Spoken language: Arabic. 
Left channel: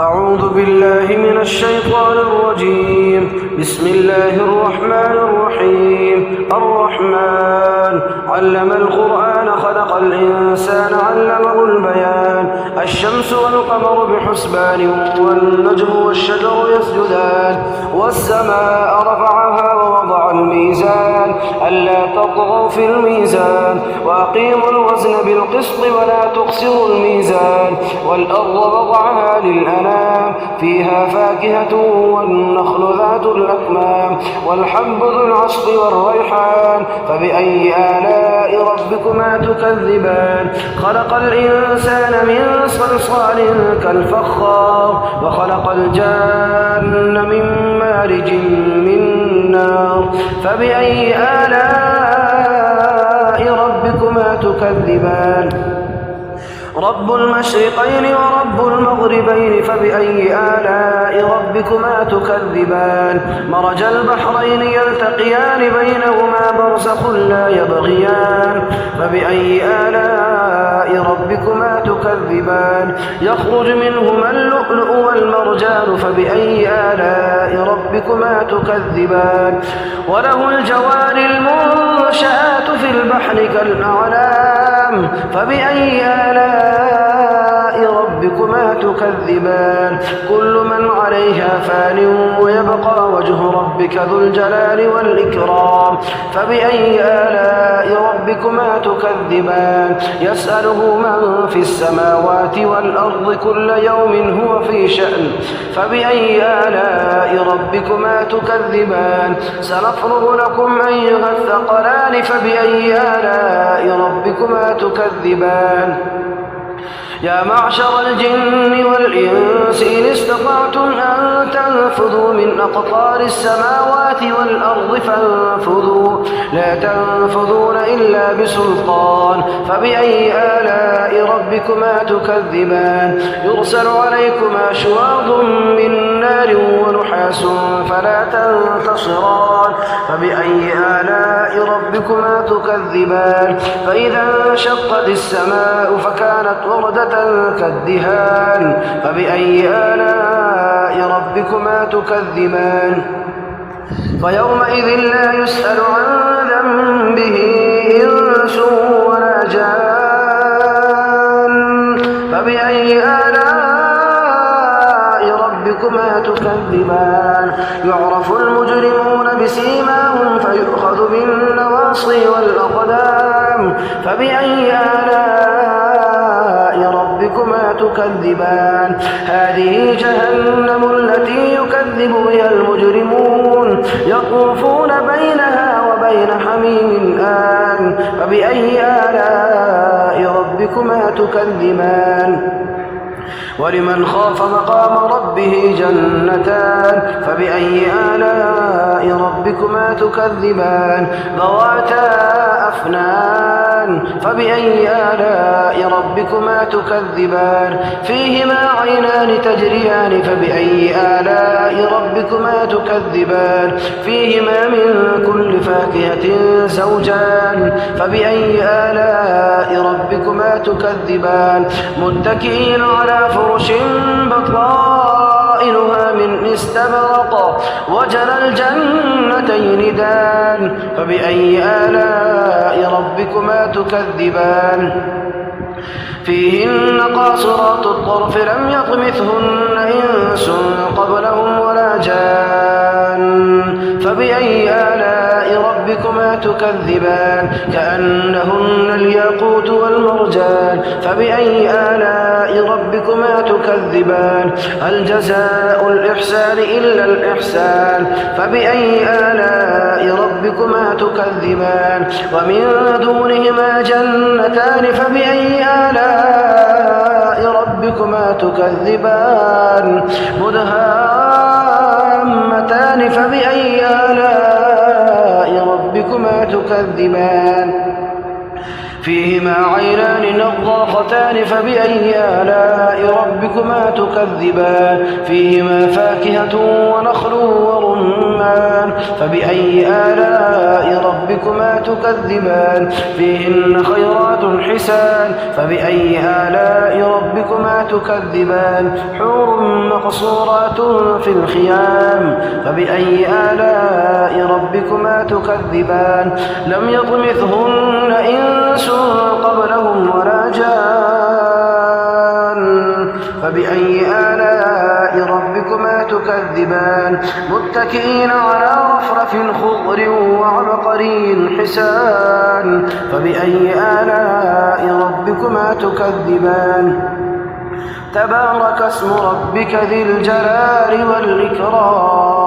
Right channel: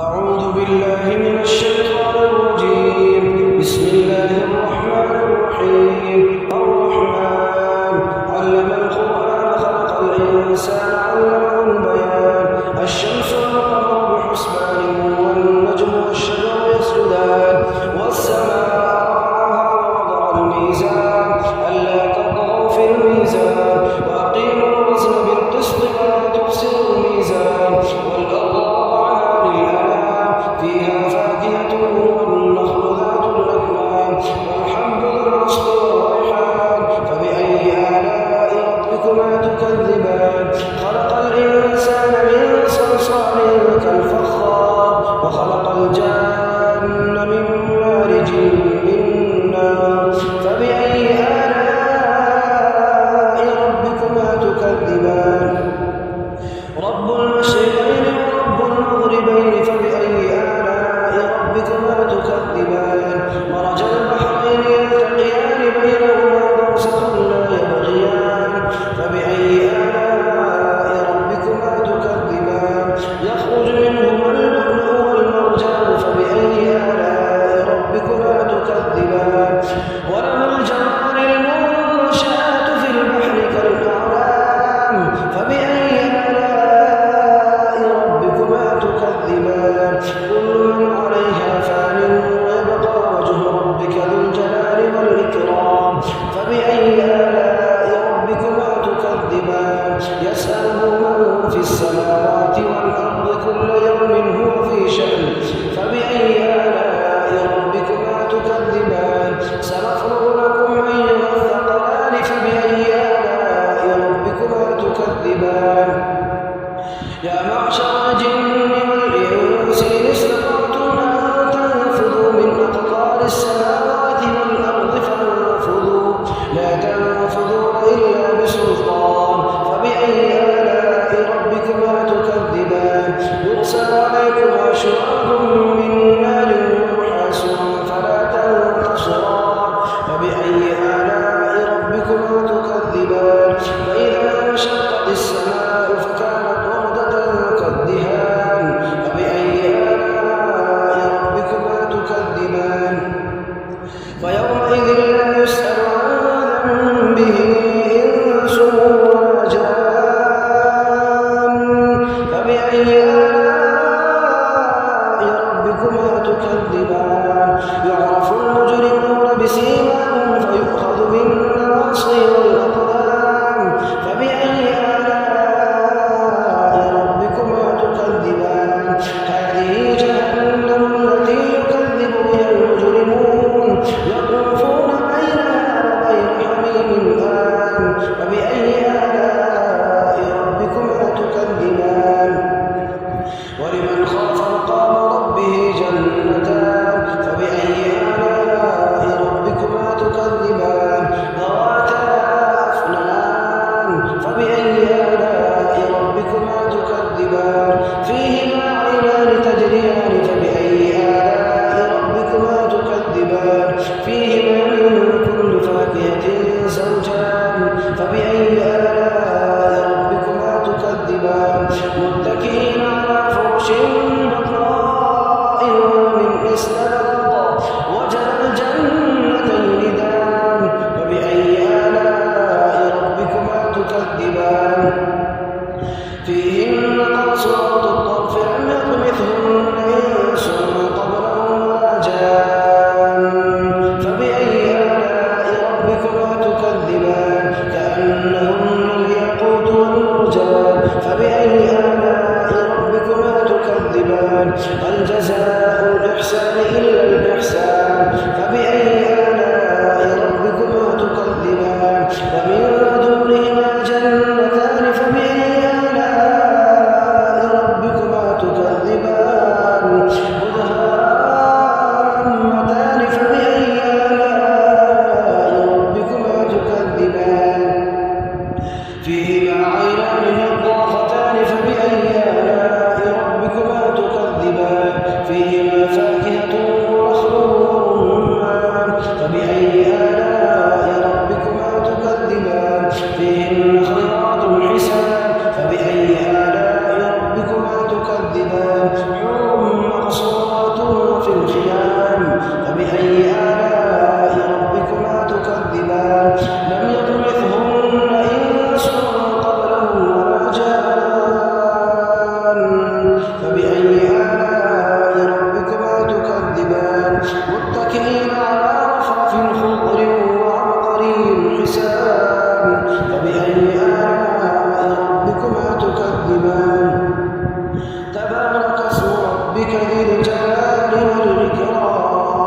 أعوذ بالله من الشيطان الرجيم. بسم الله الرحمن الرحيم. الرحمن علم القرآن خلق الإنسان علمه البيان. الشمس والقمر بحسبان والنجم والشجر يسجدان والسماء رفعها ووضع الميزان ألا تطغوا في الميزان وأقيموا الوزن بالقسط ولا تخسروا الميزان والأرض وضعها للأنام فيها فاكهة والنخل ذات الأكمام والحب ذو العصف والريحان فبأي آلاء ربكما تكذبان. خلق الإنسان من صلصال كالفخار وخلق الجان من مارج من نار فبأي آلاء ربكما تكذبان. رب المشرقين ورب المغربين فبأي آلاء ربكما تكذبان. مرج البحرين يلتقيان بينهما برزخ لا يبغيان فبأي آلاء ربكما تكذبان. يخرج منهما اللؤلؤ والمرجان فبأي آلاء ربكما تكذبان. وله الجوار المنشآت في البحر كالأعلام فبأي آلاء ربكما تكذبان. كل من عليها فان ويبقى وجه ربك ذو الجلال والإكرام فبأي آلاء ربكما تكذبان. يسأله من في السماوات والأرض كل يوم هو في شأن فبأي آلاء ربكما تكذبان. سنفرغ لكم أيها الثقلان فبأي آلاء ربكما تكذبان. يا معشر الجن والإنس إن استطعتم أن تنفذوا من أقطار السماوات والأرض فانفذوا لا تنفذون إلا بسلطان فبأي آلاء ربكما تكذبان. يرسل عليكما شواظ من نار ونحاس فلا تنتصران فبأي آلاء ربكما تكذبان. فإذا انشقت السماء فكانت وردة كالدهان فبأي آلاء ربكما تكذبان. فيومئذ لا يسأل عن ذنبه إنس ولا جان فبأي آلاء ربكما تكذبان. يعرف المجرمون بسيماهم فيؤخذ بالنواصي والأقدام فبأي آلاء ربكما تكذبان. هذه جهنم التي يكذب بها المجرمون يطوفون بينها وبين حميم آن فبأي آلاء ربكما تكذبان. ولمن خاف مقام ربه جنتان فبأي آلاء ربكما تكذبان. ذواتا أفنان فبأي آلاء ربكما تكذبان. فيهما عينان تجريان فبأي آلاء ربكما تكذبان. فيهما من كل فاكهة زوجان فبأي آلاء ربكما تكذبان. متكئين على فرش بطائنها من استبرق وجنى الجنتين دان فبأي آلاء ربكما تكذبان. فيهن قاصرات الطرف لم يطمثهن إنس قبلهم ولا جان فبأي آلاء ربكما تكذبان. كأنهن الياقوت والمرجان فبأي آلاء ربكما تكذبان. هل جزاء الإحسان إلا الإحسان فبأي آلاء ربكما تكذبان. ومن دونهما جنتان فبأي آلاء ربكما تكذبان. مدهامتان فبأي آلاء ربكما تكذبان. فيهما عينان نضاختان فبأي آلاء ربكما تكذبان فيهما فاكهة ونخل ورمان فبأي آلاء ربكما تكذبان فيهن خيرات حسان فبأي آلاء ربكما تكذبان حور مقصورات في الخيام فبأي آلاء ربكما تكذبان لم يطمثهن إنس قبلهم ولا جان فبأي آلاء ربكما تكذبان متكئين على رفرف خضر وعبقري حسان فبأي آلاء ربكما تكذبان تبارك اسم ربك ذي الجلال والإكرام